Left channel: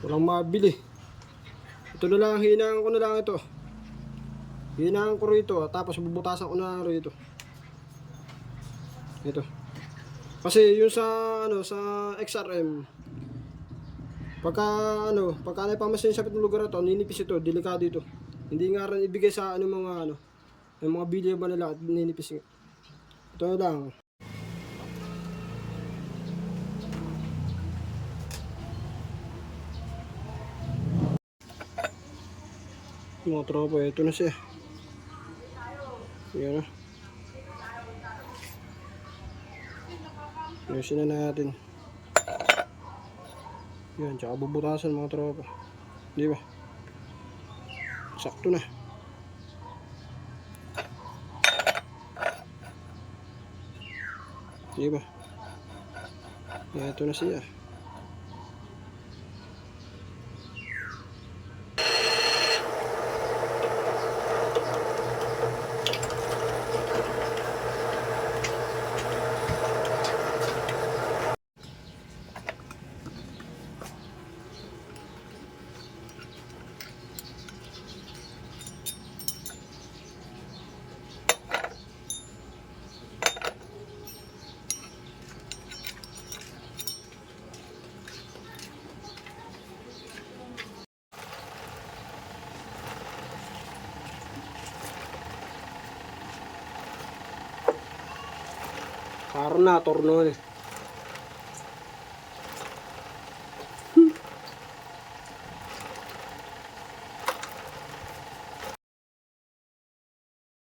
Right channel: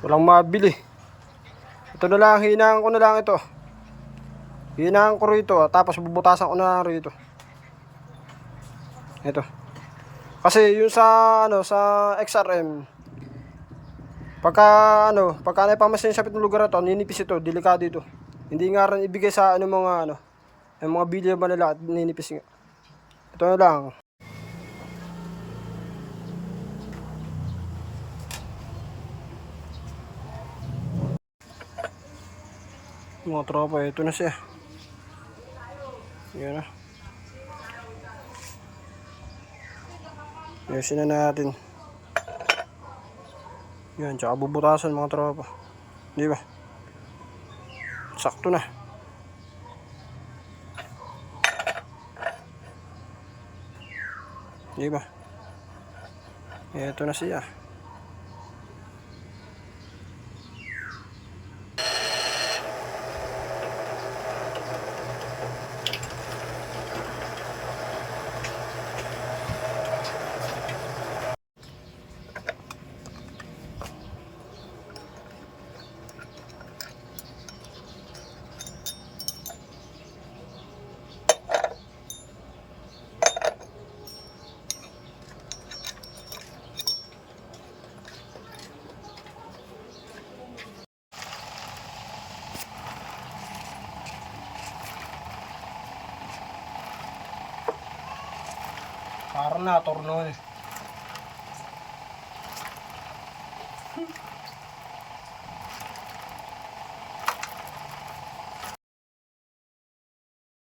Walang mabili. Ito na lang, hinaan ko na lang ito. Hinaan ko rito, tapos bubutasan ko na lang rito. Ito. Kasi yung sa ano, sa XRM, pagka naipamasin sa pitong lugar na to, ninipis ito, delikado ito. Hindi nga rin ibigay sa ano mga ano, yung mga bilya ba nila at ninipis nga. Ito na lang. Mga tropa, ito na siya. Yan na. Ayusin na natin. Yan, tsaka bubutasan mga tropa. Di ba? Sakto na. Di ba? Ito na siya. Parang na torno eh.